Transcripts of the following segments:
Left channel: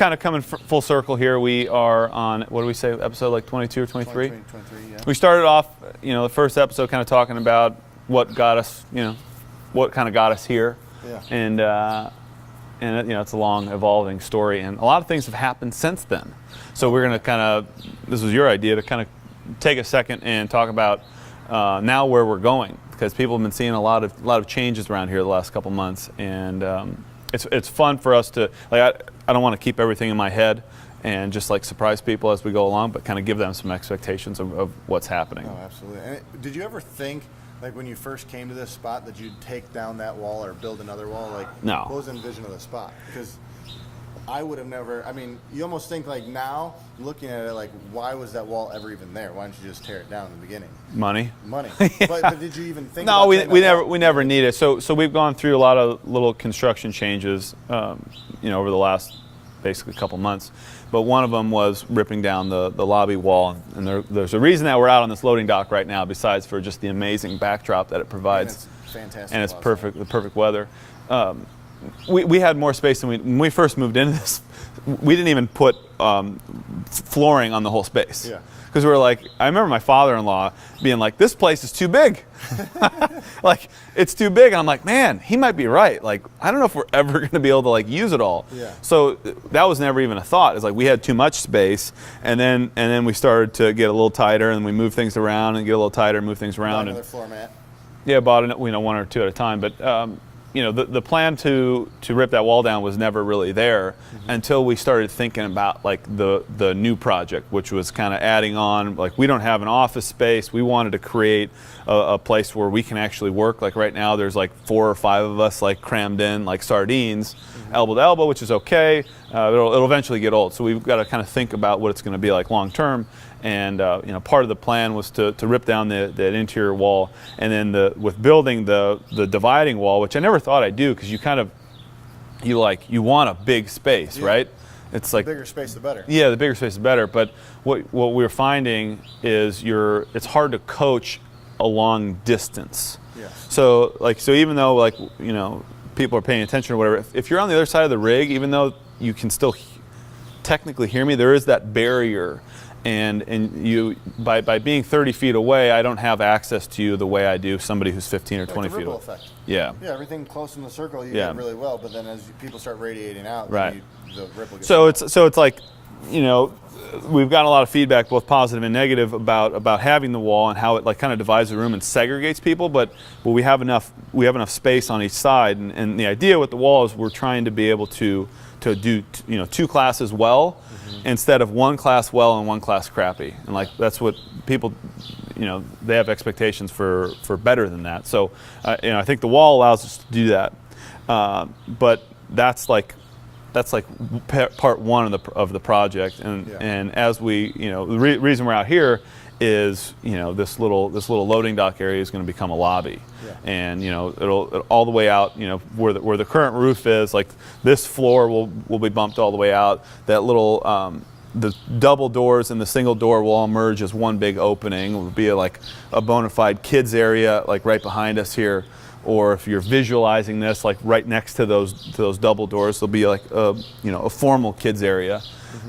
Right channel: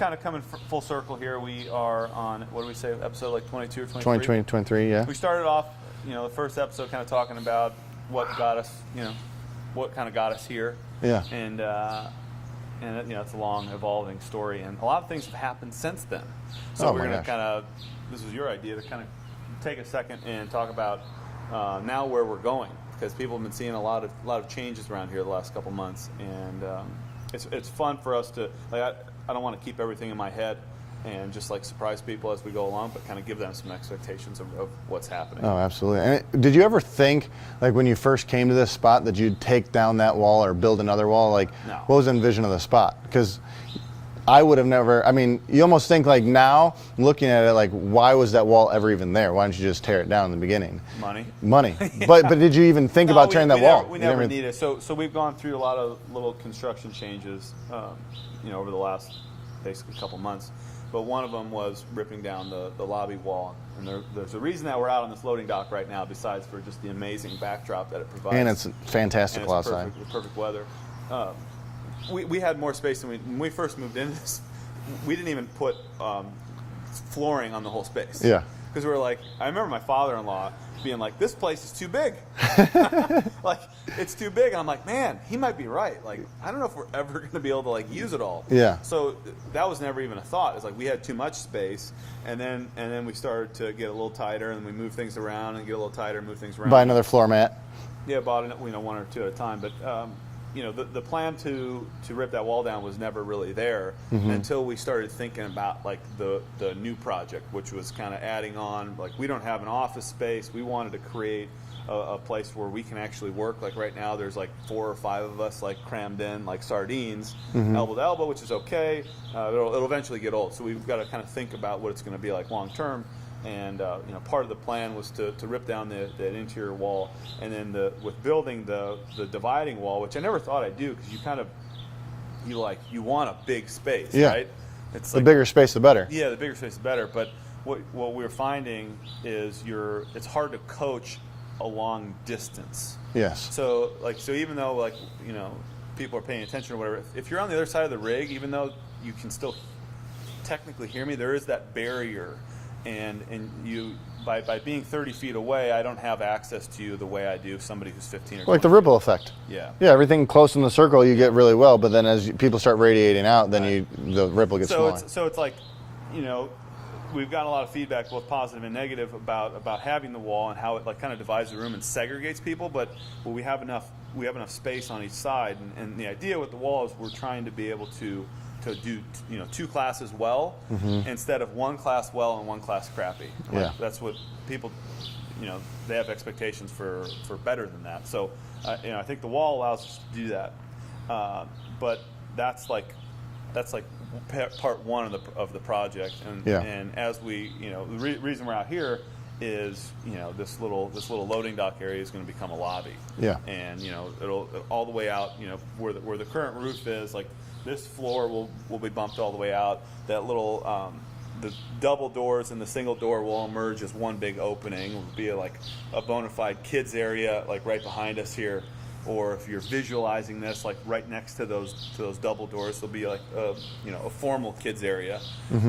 kind of coming full circle here. We are on, what do we say, episode like 22 or 23? 23, yeah. We started off, the first episode kind of talking about what got us, what kind of got us here. Yeah. And it's a long, evolving story, and a lot of things have happened since then. So we're going to kind of, this was your idea, to kind of take a second and talk about now where we're going, because people have been seeing a lot of changes around here the last couple months, and it's fun for us to, like, I don't want to keep everything in my head and just like surprise people as we go along, but kind of give them some expectations of what's happening. Oh, absolutely. And did you ever think, like when you first came to this spot, that you'd take down that wall or build another wall? Like, no. What was the vision of the spot? Because I would have never, I mean, you almost think like now, looking at it, like, why was that wall ever even there? Why didn't you just tear it down in the beginning? Money. Yeah. But did you even think about tearing that wall? We never need it. So we've gone through a lot of little construction changes, over the last basically couple months. But one of them was ripping down the lobby wall, and there's a reason that we're out on this loading dock right now, besides for just the amazing backdrop that it provides. And it's fantastic. And it's the perfect weather. We had more space than when we first moved into this. We didn't even put flooring on the whole space. Yeah. Because we were like, I remember my father-in-law being like, this place is too big. Like, it's too big. And I'm like, man, he might be right. Like, I don't know if we're ever going to be able to like use it all. Yeah. So that was never even a thought. It's like we had too much space, and then we started to get a little tighter, and we moved things around and get a little tighter, move things around. Buy another floor mat. Yeah, bought one or two at a time. But the plan to rip that wall down was never really there until we started thinking about like the new project, which was kind of adding on, like, we don't have an office space. We wanted to create a place where we can actually work. Like right now there's like 4 or 5 of us like crammed in like sardines, elbow to elbow, which is okay. It'll eventually get old. So we've got to kind of think about what it's going to be like long term. And part of the plan was to rip down the interior wall, and then with building the dividing wall, which I never thought I'd do, because you want a big space, right? It's like the bigger space, the better. Yeah, the bigger space, the better. But what we're finding is it's hard to coach a long distance. Yes. So even though people are paying attention or whatever, if you're on the other side of the rig, even though you can still technically hear me, there is that barrier. And you, by being 30 feet away, I don't have access to you the way I do somebody who's 15 or 20 Like the feet ripple away. effect. Yeah. Yeah, everything close in the circle you get really well, but then as people start radiating out, then the ripple gets smaller. So it's like, we've gotten a lot of feedback, both positive and negative, about having the wall and how it like kind of divides the room and segregates people. But we have enough space on each side, and the idea with the wall is we're trying to be able to do 2 classes well instead of 1 class well and 1 class crappy. And that's what people, they have expectations for better than that. So I think the wall allows us to do that. But that's like part 1 of the project. And as we, the reason we're out here is this little loading dock area is going to become a lobby. Yeah. And it'll all the way out, where the current roof is, like this floor will be bumped all the way out. That little the double doors and the single door will all merge as one big opening. It will be like a bona fide kids area, like right behind us here. Or if you're visualizing this, like right next to those double doors, there'll be like a formal kids area.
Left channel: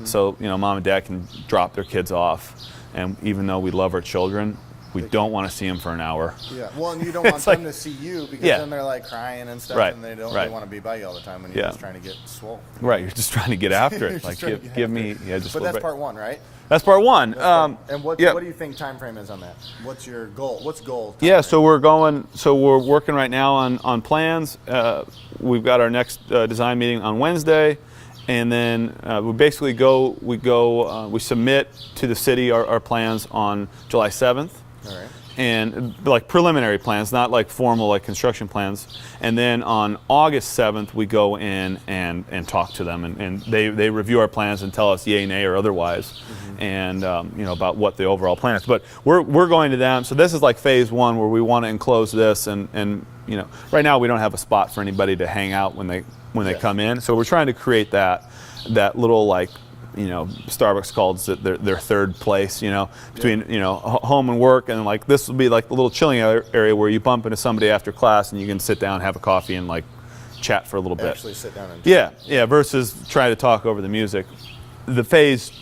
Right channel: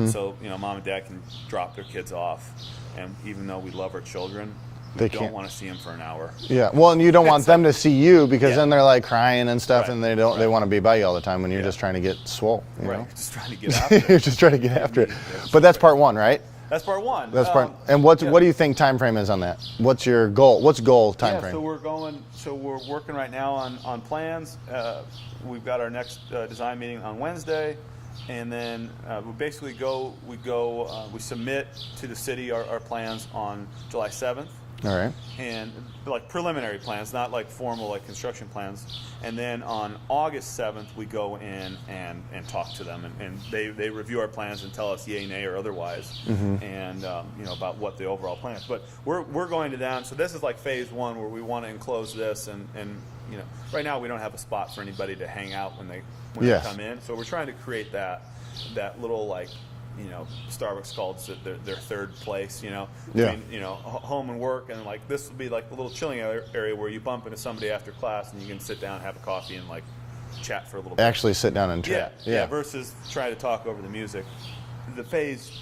So mom and dad can drop their kids off. And even though we love our children, we don't want to see them for an hour. Yeah, well, and you don't want them to see you, because then they're like crying and stuff, and they want to be by you all the time when you're just trying to get swole. Right, you're just trying to get after it. You're just trying to get after it. But that's part 1, right? That's part 1. And what do you think time frame is on that? What's your goal? What's goal time frame? So we're working right now on plans. We've got our next design meeting on Wednesday. And then we submit to the city our plans on July 7th. All right. And like preliminary plans, not like formal like construction plans. And then on August 7th, we go in and talk to them, and they review our plans and tell us yay, nay, or otherwise, and about what the overall plan is. But we're going to them. So this is like phase 1, where we want to enclose this, and right now we don't have a spot for anybody to hang out when they come in. So we're trying to create that little like you know, Starbucks calls it their third place, you know, between, you know, home and work. And like, this will be like a little chilling area where you bump into somebody after class and you can sit down, have a coffee, and like, chat for a little bit. Actually sit down and Yeah, chat. yeah, versus try to talk over the music. The phase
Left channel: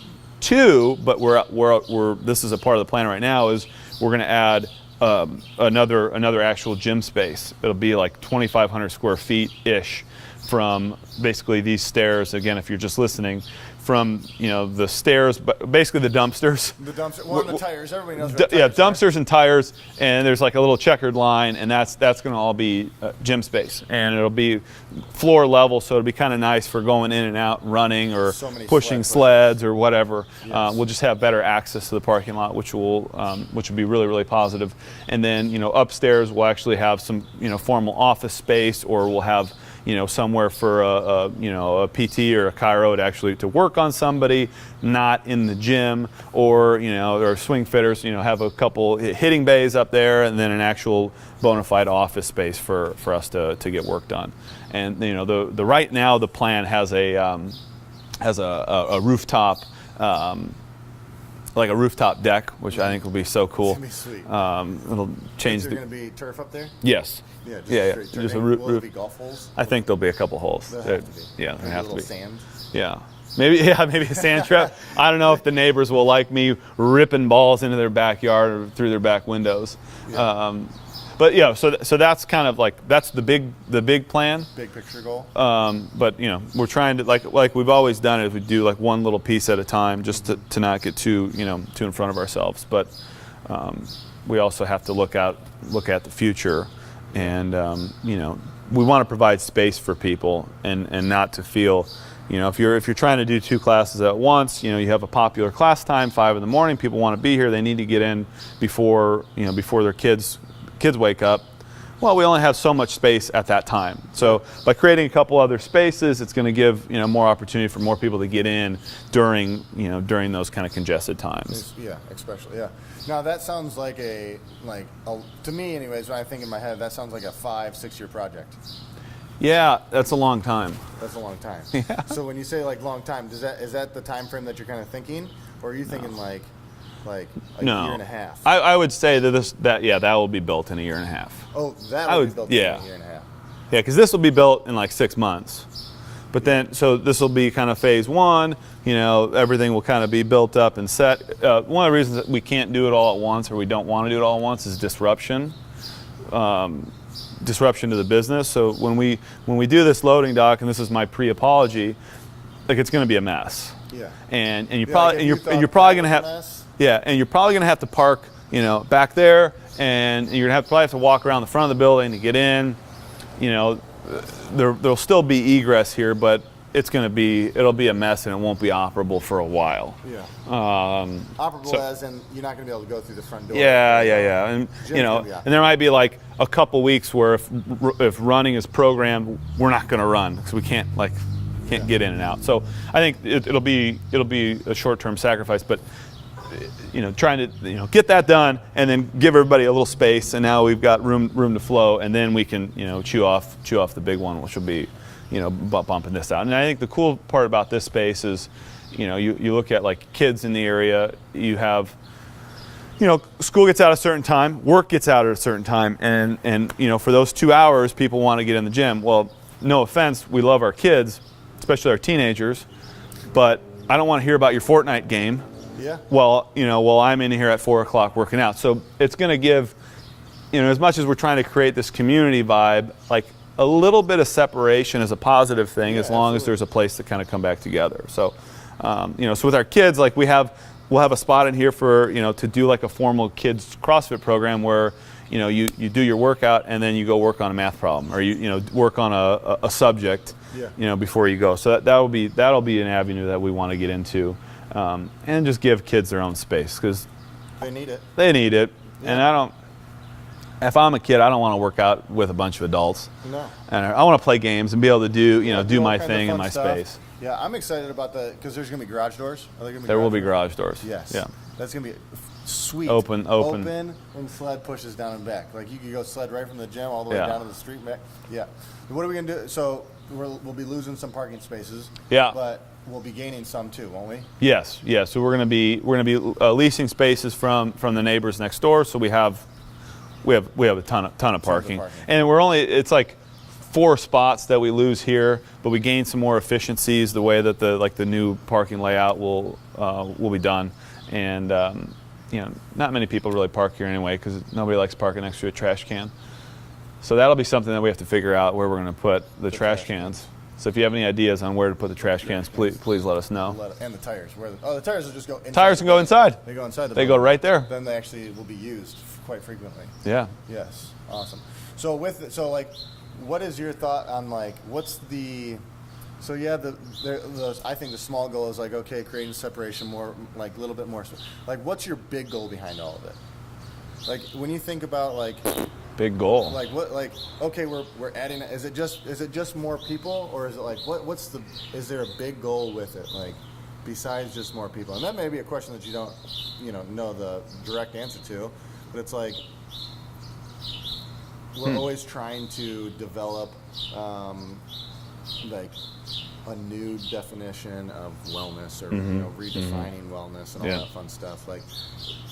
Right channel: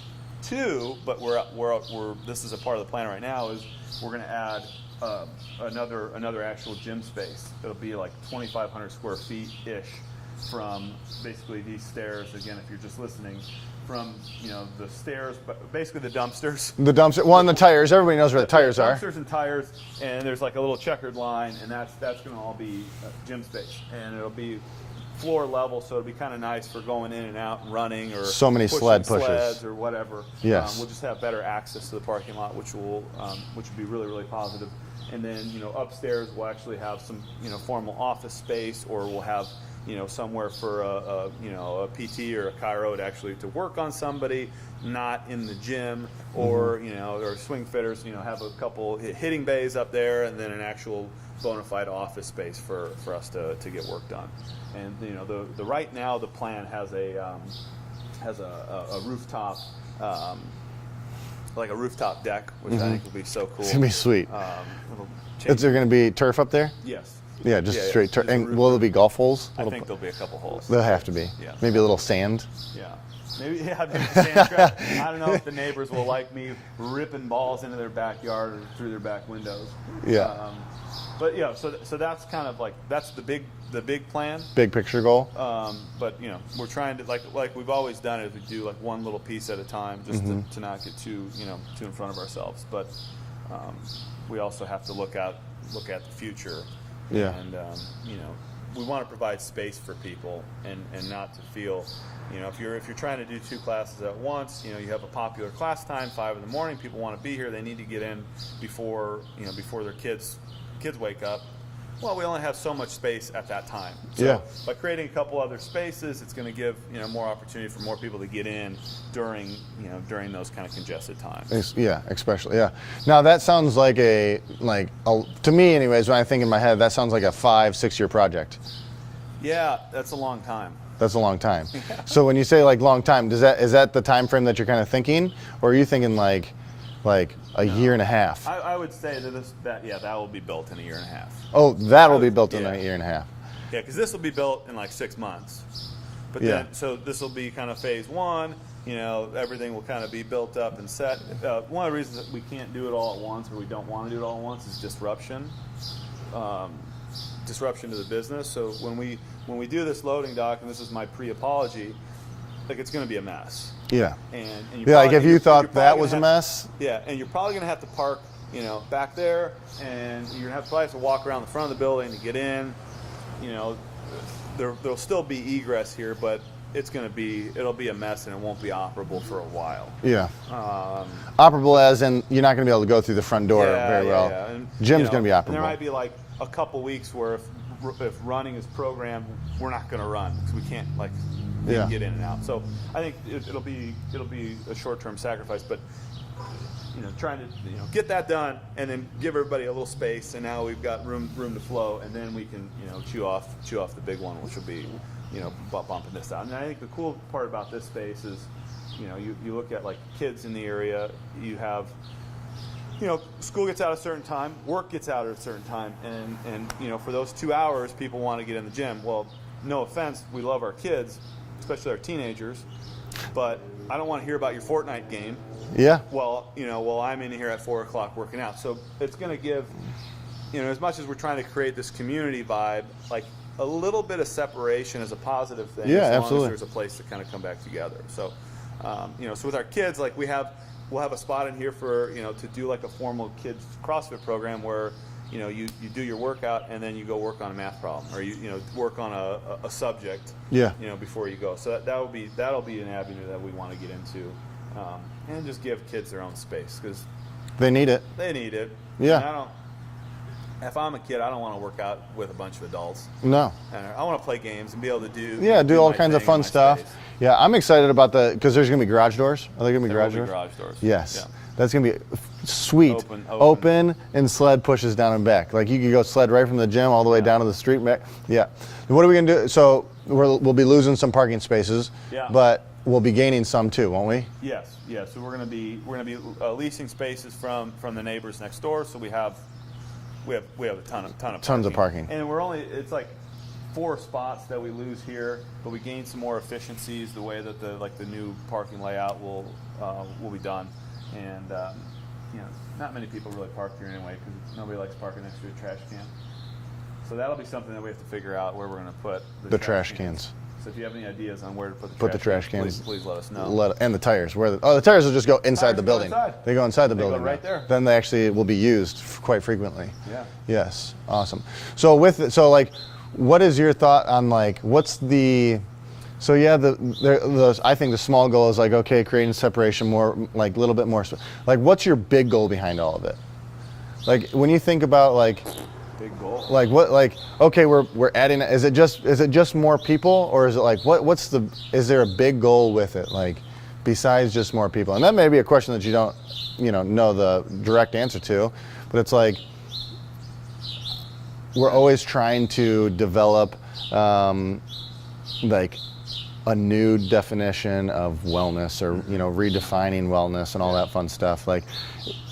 2, but this is a part of the plan right now, is we're going to add another actual gym space. It'll be like 2,500 square feet ish from basically these stairs. Again, if you're just listening, from the stairs, but basically the dumpsters. The dumpster, well, and the tires. Everybody knows where the tires are. Dumpsters and tires, and there's like a little checkered line, and that's going to all be gym space, and it'll be floor level, so it'll be kind of nice for going in and out, running, or so many pushing sleds or whatever. Yes. We'll just have better access to the parking lot, which will be really, really positive. And then upstairs we'll actually have some formal office space, or we'll have somewhere for a PT or a chiro to work on somebody, not in the gym, or or swing fitters, have a couple hitting bays up there, and then an actual bona fide office space for us to get work done. And the right now the plan has a rooftop, like a rooftop deck, which I think will be so cool. It's gonna be sweet. It'll change. Is there gonna be turf up there? Yes. Yeah, just straight turf. Will there be golf holes? I think there'll be a couple holes. There'll have to be. Yeah. Maybe a little sand. Yeah. Maybe a sand trap. I don't know if the neighbors will like me ripping balls into their backyard or through their back windows. Yeah. But yeah, so that's kind of like, that's the big plan. Big picture goal. But we're trying to like we've always done it. We do like one little piece at a time, just to not get too in front of ourselves. But we also have to look at the future. Yeah. And we want to provide space for people, and not to feel, if you're trying to do 2 classes at once, you have a popular class time, 5 in the morning, people want to be here, they need to get in before their kids wake up. Well, we only have so much space at that time. So by creating a couple other spaces, it's going to give more opportunity for more people to get in during those kind of congested times. Yeah, especially Now that sounds like to me, anyways, when I think in my head, that sounds like a 5-6 year project. Yeah, that's a long time. That's a long time. Yeah. So when you say like long time, is that the time frame that you're kind of thinking, or are you thinking like a year and a half? I would say that will be built in a year and a half. Oh, that'll be built in a year and a half. Yeah, because this will be built in like 6 months. But then, so this will be kind of phase 1. Everything will kind of be built up and set. One of the reasons that we can't do it all at once, or we don't want to do it all at once, is disruption. Disruption to the business. So when we do this loading dock, and this is my pre-apology, like it's going to be a mess. Yeah. And you probably, like if you thought you're probably going to have a mess. Yeah, and you're probably going to have to park, back there, and you're going to probably have to walk around the front of the building to get in. There'll still be egress here, but it'll be a mess, and it won't be operable for a while. Yeah. Operable as in you're not going to be able to go through the front door. Yeah. And gym's going to be operable. And there might be like a couple weeks where if running is programmed, we're not going to run because we can't get in and out. So I think it'll be a short-term sacrifice, but trying to get that done and then give everybody a little space, and now we've got room to flow, and then we can chew off the big one, which will be bumping this out. And I think the cool part about this space is you look at like kids in the area, you have school gets out at a certain time, work gets out at a certain time, and for those 2 hours people want to get in the gym. Well, no offense, we love our kids, especially our teenagers, but I don't want to hear about your Fortnite game. Yeah. While I'm in here at 4 o'clock working out. So it's going to give, as much as we're trying to create this community vibe, like a little bit of separation is a positive thing, as long as there's a place to kind of come back together. So, so with our kids, like we'll have a spot in here for to do like a formal kids CrossFit program where you do your workout and then you go work on a math problem, or you work on a subject. Yeah. Before you go. So that'll be an avenue that we want to get into. And just give kids their own space, because they need it. Yeah. And if I'm a kid, I don't want to work out with a bunch of adults. No. And I want to play games and be able to do all my kinds thing of fun in my stuff. space. Yeah, I'm excited about because there's going to be garage doors. Are there going to be There garage will be doors? garage doors. Yes. Yeah. That's going to be sweet. Open. And sled pushes down and back. Like you could go sled right from the gym all the way down to the street and back. Yeah. What are we going to do? So we'll be losing some parking spaces. Yeah. But we'll be gaining some too, won't we? Yes. So we're going to be leasing spaces from the neighbors next door. So we have a ton of parking. Tons of parking. And it's like 4 spots that we lose here, but we gain some more efficiencies the way that the new parking layout will be done. And not many people really park here anyway because nobody likes parking next to a trash can. So that'll be something that we have to figure out where we're going to put the trash cans. So if you have any ideas on where to put the trash cans, please let us know. And the tires. The tires will just go inside. Tires can go inside. They go inside the building. They go right there. Then they actually will be used quite frequently. Yeah. Yes. Awesome. So what is your thought on what's the? So yeah, I think the small goal is okay, creating separation more, a little bit more. What's your big goal behind all of it? When you think about big goal. Okay, we're adding. Is it just more people, or is it is there a big goal with it? Besides just more people, and that may be a question that you don't, know the direct answer to, but it's we're always trying to develop, a new definition of wellness, or redefining wellness and all that fun stuff.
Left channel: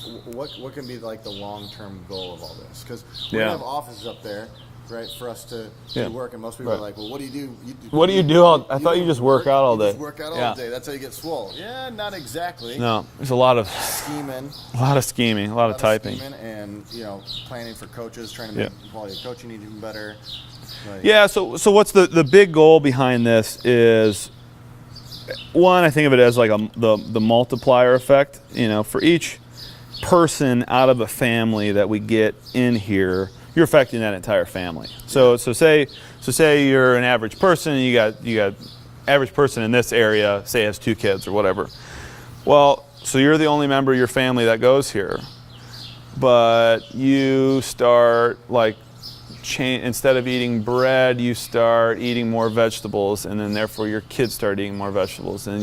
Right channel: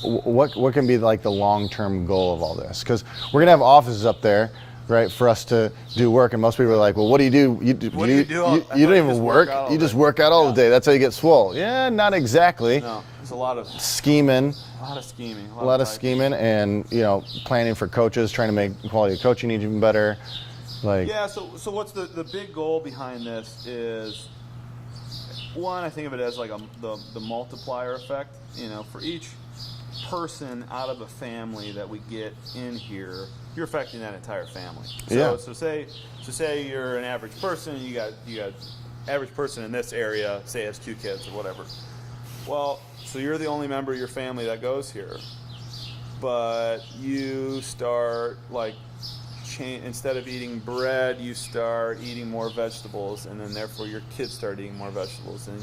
What can be the long-term goal of all this? Because we're gonna have offices up there, right, for us to do work, and most people are well, what do you do? What do you do? You don't even work out all day. You just work out all day. That's how you get swole. Yeah, not exactly. No, there's a lot of scheming. A lot of scheming. A lot of typing. Scheming, and planning for coaches, trying to make quality of coaching even better. So what's the big goal behind this is, one, I think of it as the multiplier effect. For each person out of a family that we get in here, you're affecting that entire family. So say you're an average person, and you got average person in this area, say has 2 kids or whatever. Well, so you're the only member of your family that goes here, but you start instead of eating bread, you start eating more vegetables, and then therefore your kids start eating more vegetables, and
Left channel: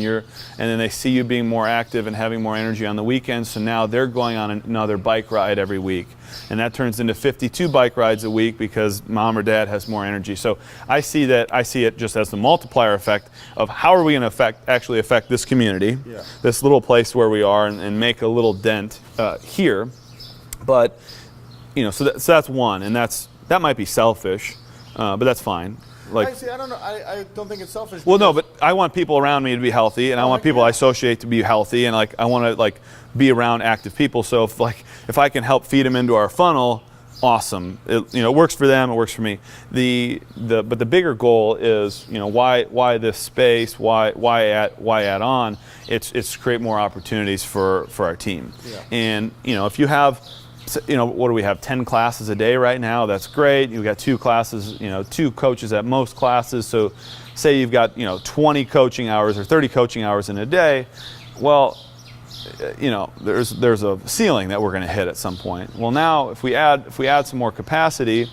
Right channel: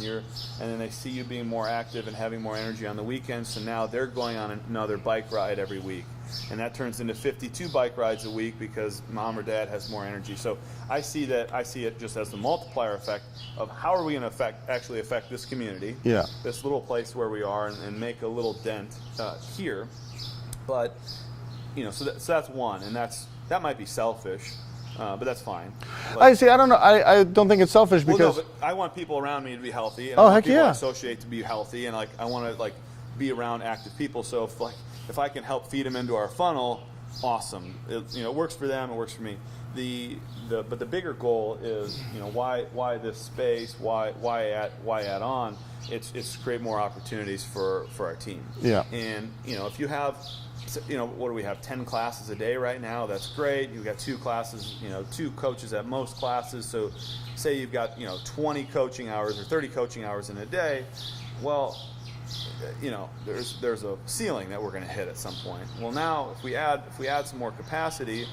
then they see you being more active and having more energy on the weekends. So now they're going on another bike ride every week, and that turns into 52 bike rides a week because mom or dad has more energy. So I see it just as the multiplier effect of how are we going to actually affect this community, this little place where we are, and make a little dent here. But so that's one, and that might be selfish, but that's fine. I don't know. I don't think it's selfish. Well, no, but I want people around me to be healthy, and I want people I associate to be healthy, and I want to be around active people. So if I can help feed them into our funnel, awesome. It works for them. It works for me. But the bigger goal is why this space? Why add on? It's to create more opportunities for our team. Yeah. And if you have, what do we have, 10 classes a day right now? That's great. You've got 2 classes, 2 coaches at most classes. So say you've got, 20 coaching hours or 30 coaching hours in a day. Well, there's a ceiling that we're going to hit at some point. Well, now if we add some more capacity,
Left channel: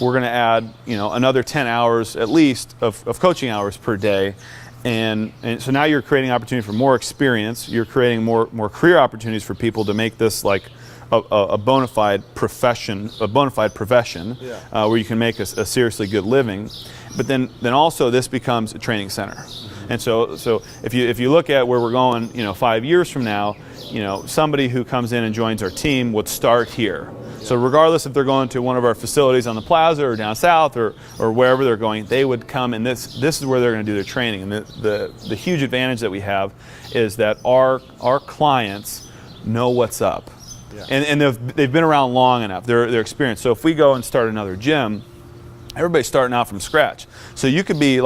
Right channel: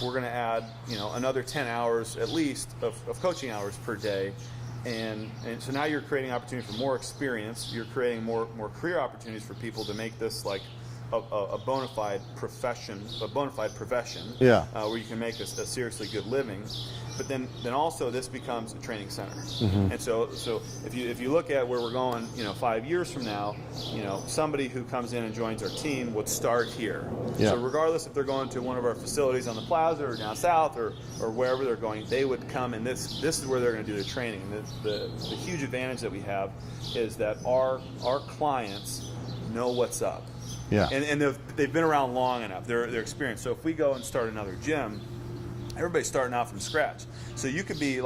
we're going to add, another 10 hours at least of coaching hours per day. And so now you're creating opportunity for more experience. You're creating more career opportunities for people to make this a bona fide profession, where you can make a seriously good living. But then also this becomes a training center. And so if you look at where we're going, 5 years from now, somebody who comes in and joins our team would start here. So regardless if they're going to one of our facilities on the plaza or down south or wherever they're going, they would come, and this is where they're going to do their training. And the huge advantage that we have is that our clients know what's up. Yeah. And they've been around long enough. They're experienced. So if we go and start another gym, everybody's starting out from scratch. So you could be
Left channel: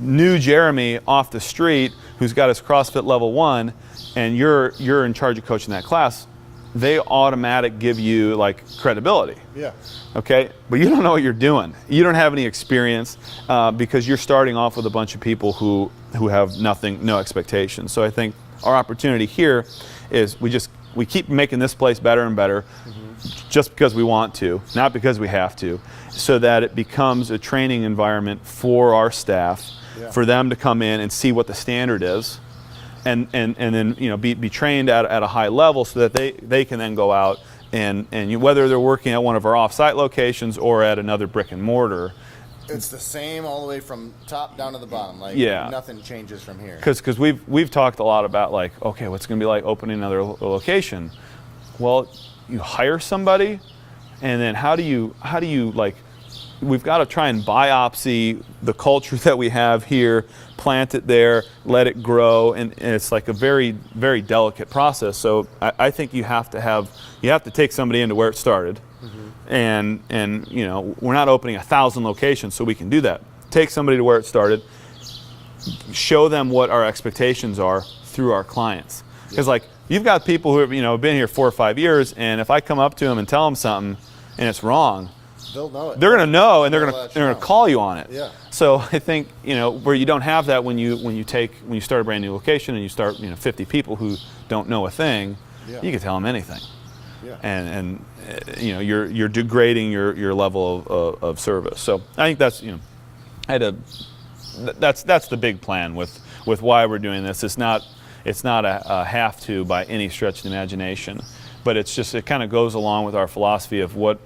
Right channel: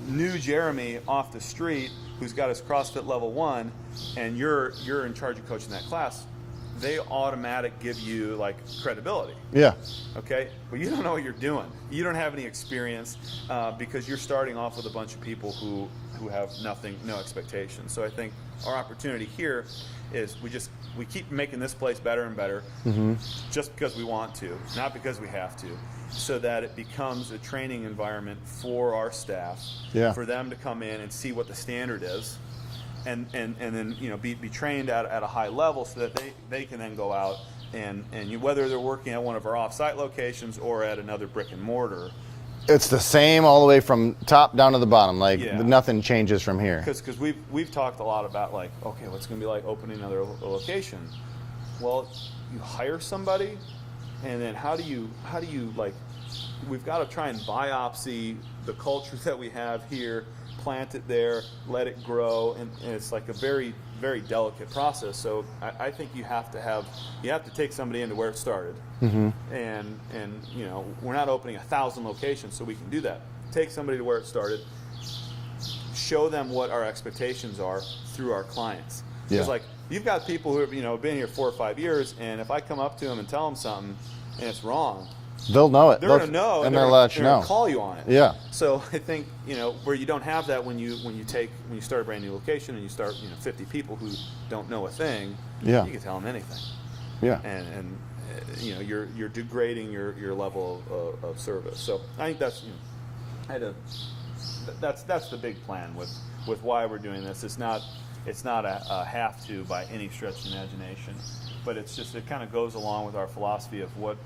new Jeremy off the street who's got his CrossFit level 1, and you're in charge of coaching that class. They automatic give you credibility. Yeah. Okay. But you don't know what you're doing. You don't have any experience because you're starting off with a bunch of people who have no expectations. So I think our opportunity here is we keep making this place better and better, just because we want to, not because we have to, so that it becomes a training environment for our staff, for them to come in and see what the standard is, and then be trained at a high level, so that they can then go out and whether they're working at one of our off-site locations or at another brick and mortar. It's the same all the way from top down to the bottom. Nothing changes from here. Because we've talked a lot about okay, what's going to be like opening another location? Well, you hire somebody, and then how do you we've got to try and biopsy the culture that we have here, plant it there, let it grow, and it's like a very, very delicate process. So I think you have to take somebody into where it started, and you know, we're not opening 1,000 locations, so we can do that. Take somebody to where it started, show them what our expectations are through our clients. Because like you've got people who have, you know, been here 4 or 5 years, and if I come up to them and tell them something and it's wrong, they'll know it. They're going to know, and they're going to to call you on it. Yeah. So I think, you know, where you don't have that when you start a brand new location and you start, you know, 50 people who don't know a thing, you can tell them anything. Yeah. And you know, you're degrading your level of service. So I think that's, you know, that's the big plan with why we're doing this. It's not a have to by any stretch of the imagination, but it's just, it kind of goes along with our philosophy of what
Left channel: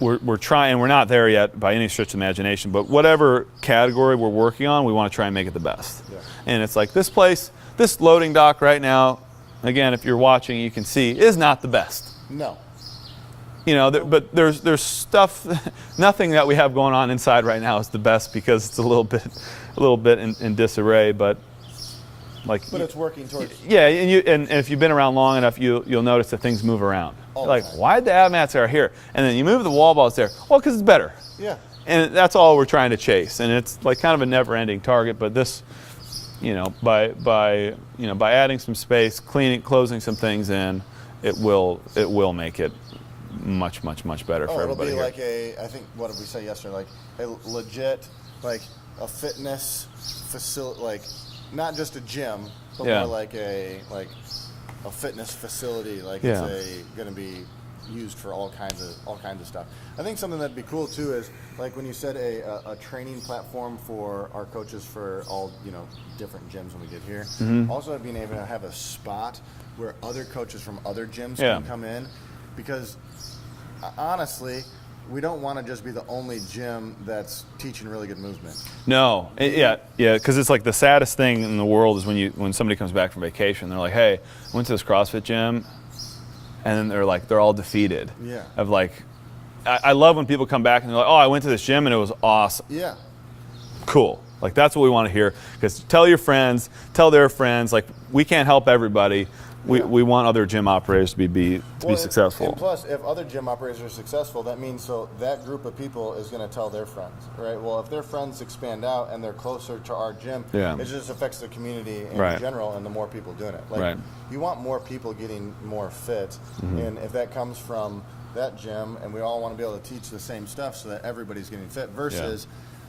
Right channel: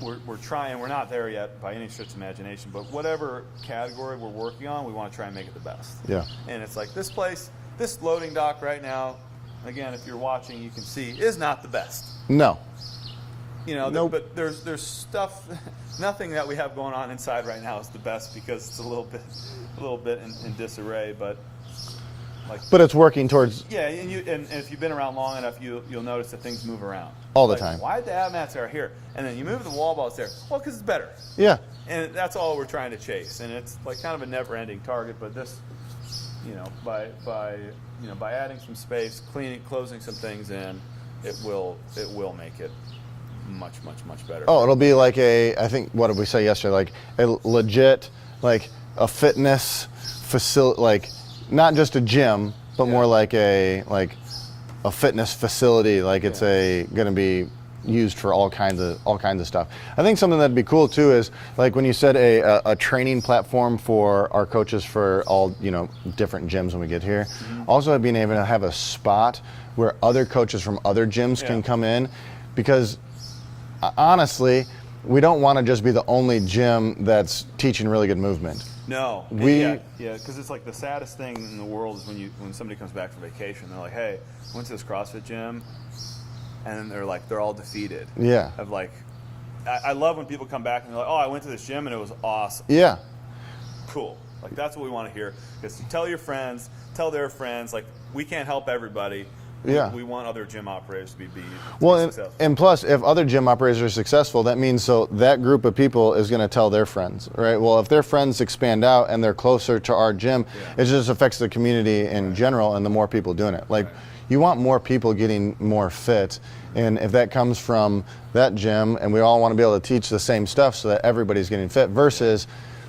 we're trying. We're not there yet by any stretch of the imagination, but whatever category we're working on, we want to try and make it the best. Yeah. And it's like this place, this loading dock right now, again, if you're watching, you can see, is not the best. No. You know, but there's stuff, nothing that we have going on inside right now is the best because it's a little bit in disarray, but it's working towards. Yeah, and if you've been around long enough, you'll notice that things move around all the time. Why did the ab mats are here, and then you move the wall balls there? Well, because it's better. Yeah. And that's all we're trying to chase, and it's like kind of a never-ending target. But this, you know, by adding some space, closing some things in, it will make it much better. Oh, it'll be like I think, what did we say yesterday? Like a legit, like a fitness facility, like not just a gym, but more like a fitness facility. Like it's going to be used for all kinds of stuff. I think something that'd be cool too is like when you said a training platform for our coaches for all, you know, different gyms when we get here. Also being able to have a spot where other coaches from other gyms can come in, because honestly, we don't want to just be the only gym that's teaching really good movement. No, because it's like the saddest thing in the world is when somebody comes back from vacation, they're like, hey, I went to this CrossFit gym, and then they're all defeated. Yeah. Of like, I love when people come back and they're like, oh, I went to this gym and it was awesome. Yeah. Cool. Like that's what we want to hear, because tell your friends, tell their friends, like we can't help everybody. We want other gym operators to be successful. And plus, if other gym operators are successful, that means that group of people is going to tell their friends, right? Well, if their friends expand out and they're closer to our gym, it just affects the community in general, and the more people doing it. Like, you want more people getting more fit, and if that comes from that gym, and we all want to be able to teach the same stuff so that everybody's getting fit, versus,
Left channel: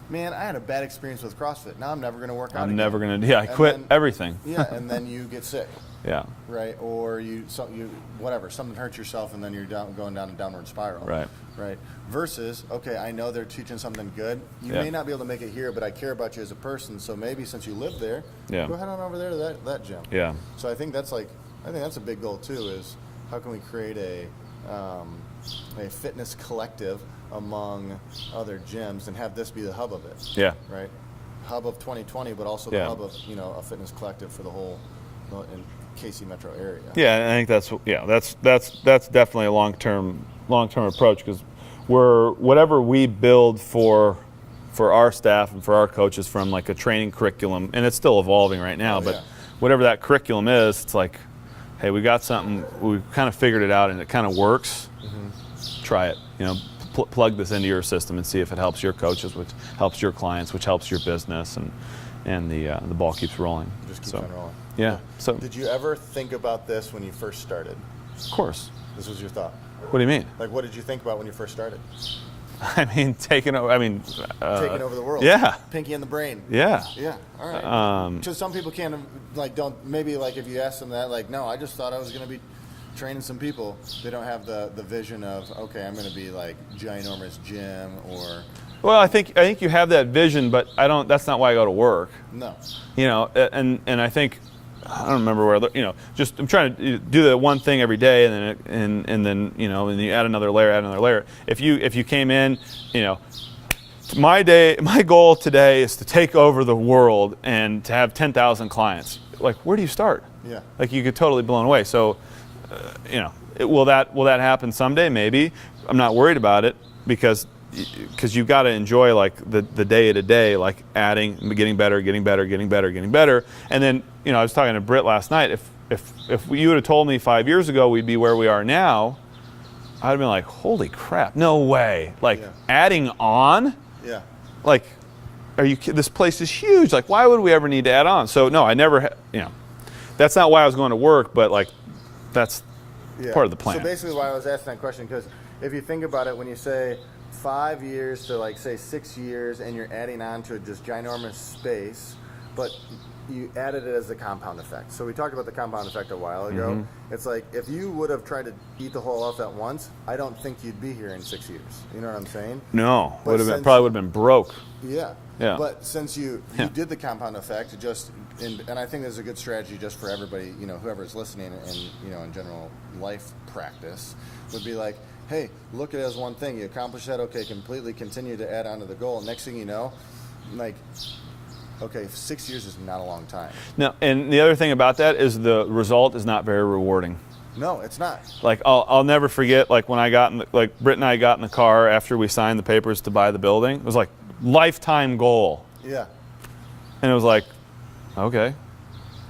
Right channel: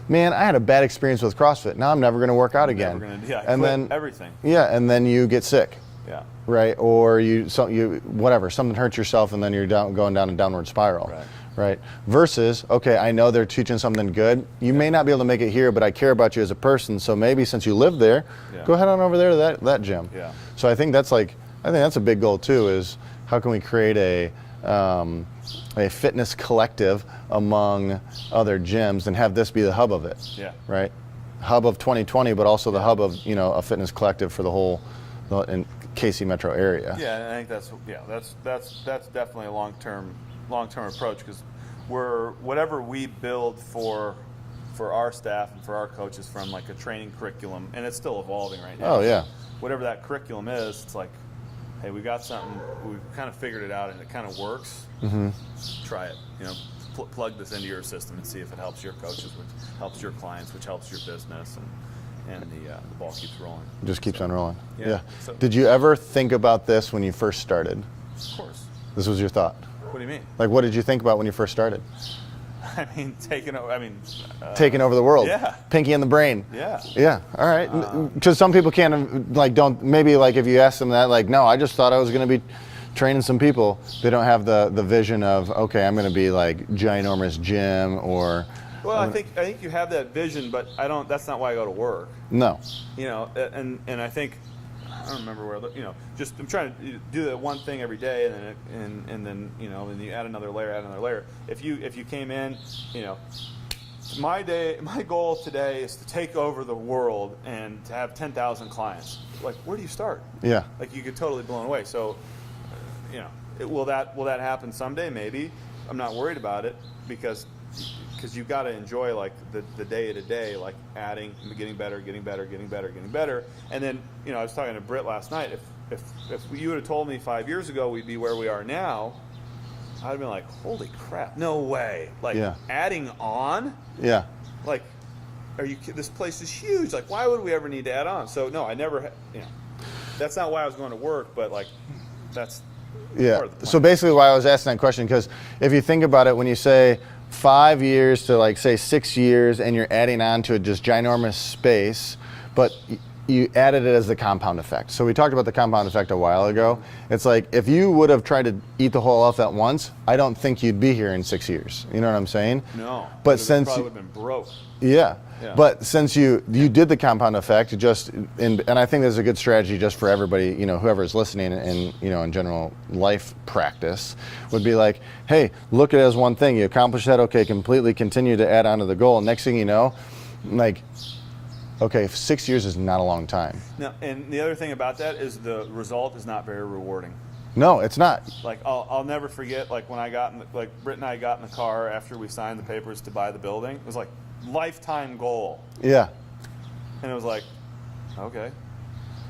man, I had a bad experience with CrossFit. Now I'm never going to work out again. Never going to. I quit everything. Yeah, and then you get sick. Yeah. Right. Or whatever, something hurts yourself, and then you're going down a downward spiral. Right. Right. Versus, okay, I know they're teaching something good. You may not be able to make it here, but I care about you as a person. So maybe since you live there, go ahead on over there to that gym. Yeah. So I think that's a big goal too. Is how can we create a fitness collective among other gyms and have this be the hub of it? Yeah. Right. Hub of 2020, but also the hub of a fitness collective for the whole in KC metro area. Yeah, I think that's definitely a long-term approach, because whatever we build for our staff and for our coaches from like a training curriculum, and it's still evolving right now. But whatever that curriculum is, it's like, hey, we got something, we kind of figured it out and it kind of works. Try it. Plug this into your system and see if it helps your coaches, which helps your clients, which helps your business, and the ball keeps rolling. Just keeps on rolling. Yeah. So did you ever think about this when you first started? Of course. This was your thought. What do you mean? Like, what did you think about when you first started? I mean, taking over the world. Yeah. Pinky in the brain. Yeah. Yeah. All right. Because some people don't, maybe like if you ask them that, like, no, I just thought I was going to be training some people. They don't have the vision of, okay, I'm going to be like ginormous gym or. Well, I think you have that vision, but that's not why I go to work. No. And I think, I don't remember where, just I'm trying to do the one thing every day, and then and you add another layer. If you came in, my goal today is to take over the world and to have 10,000 clients. Like, where do you start? Yeah. Like, you get totally blown away. So, will that happen someday? Maybe. I'm not worried about it, because because you've got to enjoy like the day to day, like adding, getting better, and then I was talking to Britt last night. If you would have told me 5 years ago we'd be where we are now, I'd have been like, holy crap, no way! Like adding on, like, are you? This place is huge. Like, why would we ever need to add on? So no, I never. That's not why I was going to work, but like, that's part of the plan. So basically, why I was asking that question, because if you think about it, when you say 5 years to like say 6 years, and you're adding on to a just ginormous space, but you added it as the compound effect. So we talked about the compound effect a while ago. It's like, if you would have tried to eat the whole elephant at once, I don't think you'd be here in 6 years. You know what I'm saying? No, but probably would have been broke. Yeah. But since you did the compound effect, and I think there's a good strategy just for everybody, whoever's listening, and in general life practice, would be like, hey, look at it as one thing. You accomplish that, okay, completely continue to add on to the goal. Next thing you know, like, okay, 6 years is not a long time. No, and the other thing about that is the result is not very rewarding. No, it's not. Like, I'll never forget, like, when I got like Britt and I got in the car after we signed the papers to buy the building. It was like lifetime goal. Yeah. And it was like, okay,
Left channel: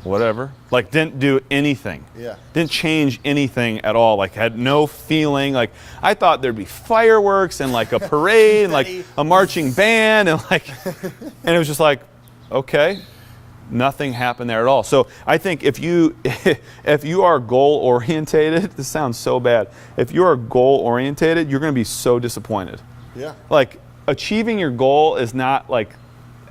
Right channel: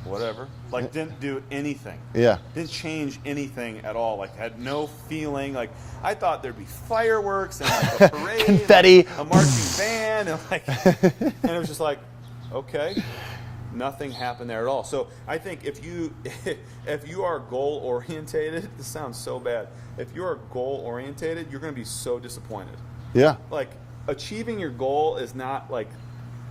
whatever. Like, didn't do anything. Yeah. Didn't change anything at all. Like, had no feeling. Like, I thought there'd be fireworks and like a parade, like a marching band, and like, and it was just like, okay, nothing happened there at all. So I think if you are goal orientated, this sounds so bad. If you are goal orientated, you're going to be so disappointed. Yeah. Like, achieving your goal is not like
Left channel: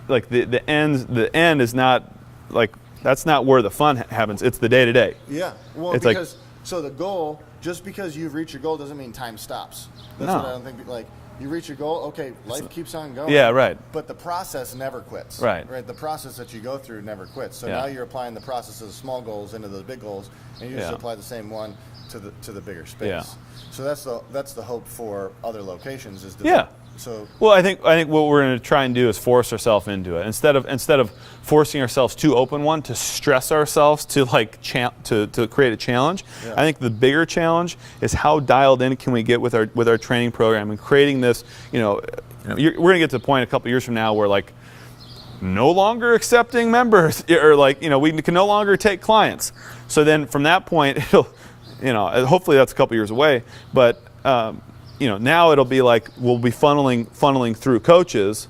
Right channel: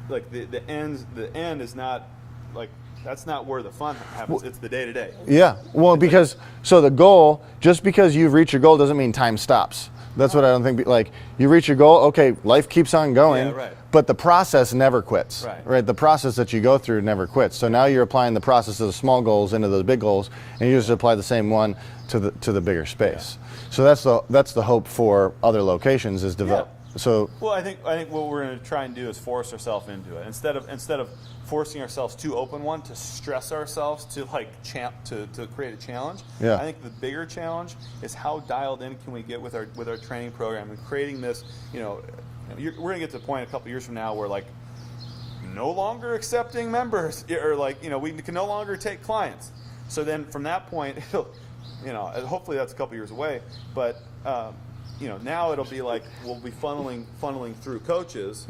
the end is not like, that's not where the fun happens. It's the day to day. Yeah. Well, it's because so the goal, just because you've reached your goal doesn't mean time stops. That's what I don't think. Like, you reach your goal, okay, life keeps on going. Yeah, right. But the process never quits. Right. Right. The process that you go through never quits. So now you're applying the process of the small goals into the big goals, and you just apply the same one to the bigger space. So that's the hope for other locations is develop. So well, I think what we're going to try and do is force ourselves into it instead of forcing ourselves to open one, to stress ourselves to like to create a challenge. I think the bigger challenge is how dialed in can we get with our training program and creating this. We're going to get to the point a couple years from now where like no longer accepting members, or like we can no longer take clients. So then from that point, it'll hopefully that's a couple years away, but. Now it'll be like we'll be funneling through coaches,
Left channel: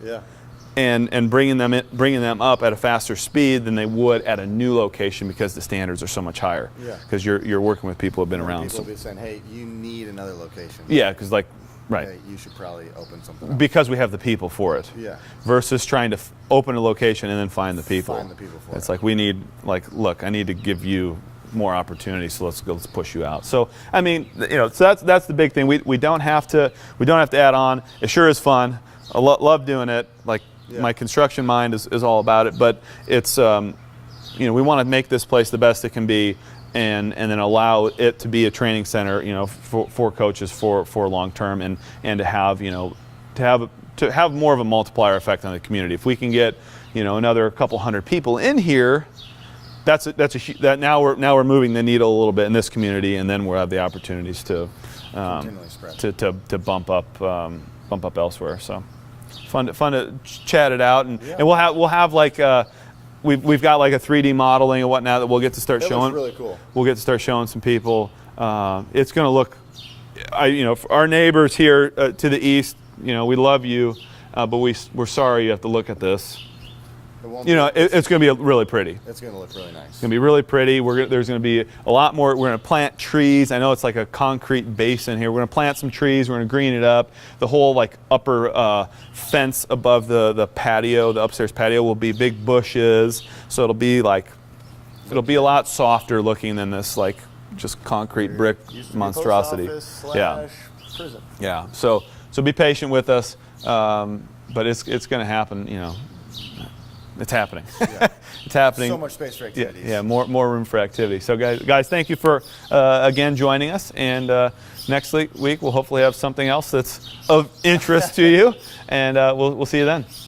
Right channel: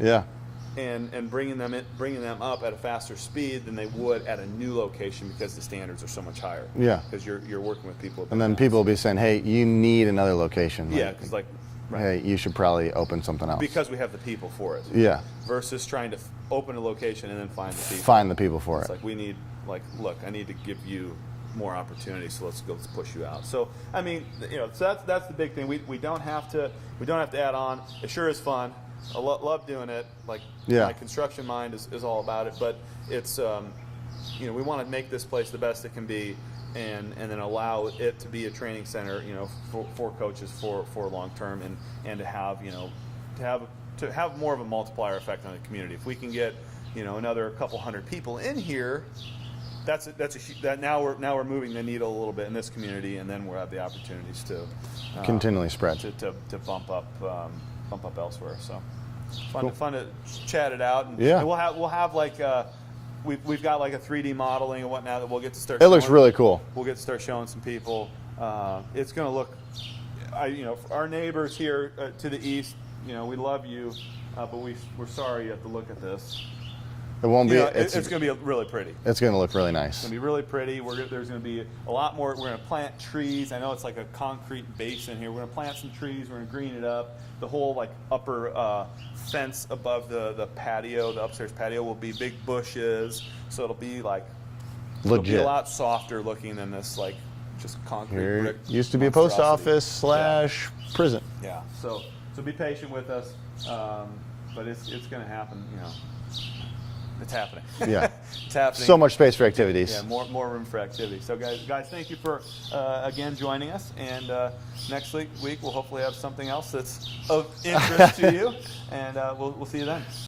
and bringing them up at a faster speed than they would at a new location because the standards are so much higher. Yeah, because you're working with people who've been around. And people will be saying, "Hey, you need another location." Yeah, because right. Hey, you should probably open something else. Because we have the people for it. Yeah. Versus trying to open a location and then find the people. Find the people for it. It's like we need look, I need to give you more opportunities, so let's push you out. So I mean, so that's the big thing. We don't have to add on. It sure is fun. I love doing it. Like my construction mind is all about it. But it's we want to make this place the best it can be, and then allow it to be a training center, for coaches for long term, and to have more of a multiplier effect on the community. If we can get another couple hundred people in here. Now we're moving the needle a little bit in this community, and then we'll have the opportunities to continually spread to bump up elsewhere. So fun to chat it out, and we'll have like we've got like a 3D modeling and whatnot that we'll get to start. It looks really cool. We'll get to start showing some people. It's going to look, for our neighbors here to the east. We love you, but we're sorry you have to look at this. It won't be. It's going to be really pretty. It's going to look really nice. It's going to be really pretty. There's going to be a lot more. We're going to plant trees. I know it's like a concrete basin here. We're going to plant some trees. We're going to green it up. The whole like upper fence above the patio, the upstairs patio, will be big bushes. So it'll be like it'll be a lot softer looking than this like just concrete brick used to be monstrosity. A post office / prison. Yeah. So be patient with us, but it's going to happen. It's happening. Yeah, it's happening. So much space for activities. Yeah, more room for activity. So guys, thank you for again joining us. And next week we'll hopefully have something else that's of interest to you. And we'll see you then.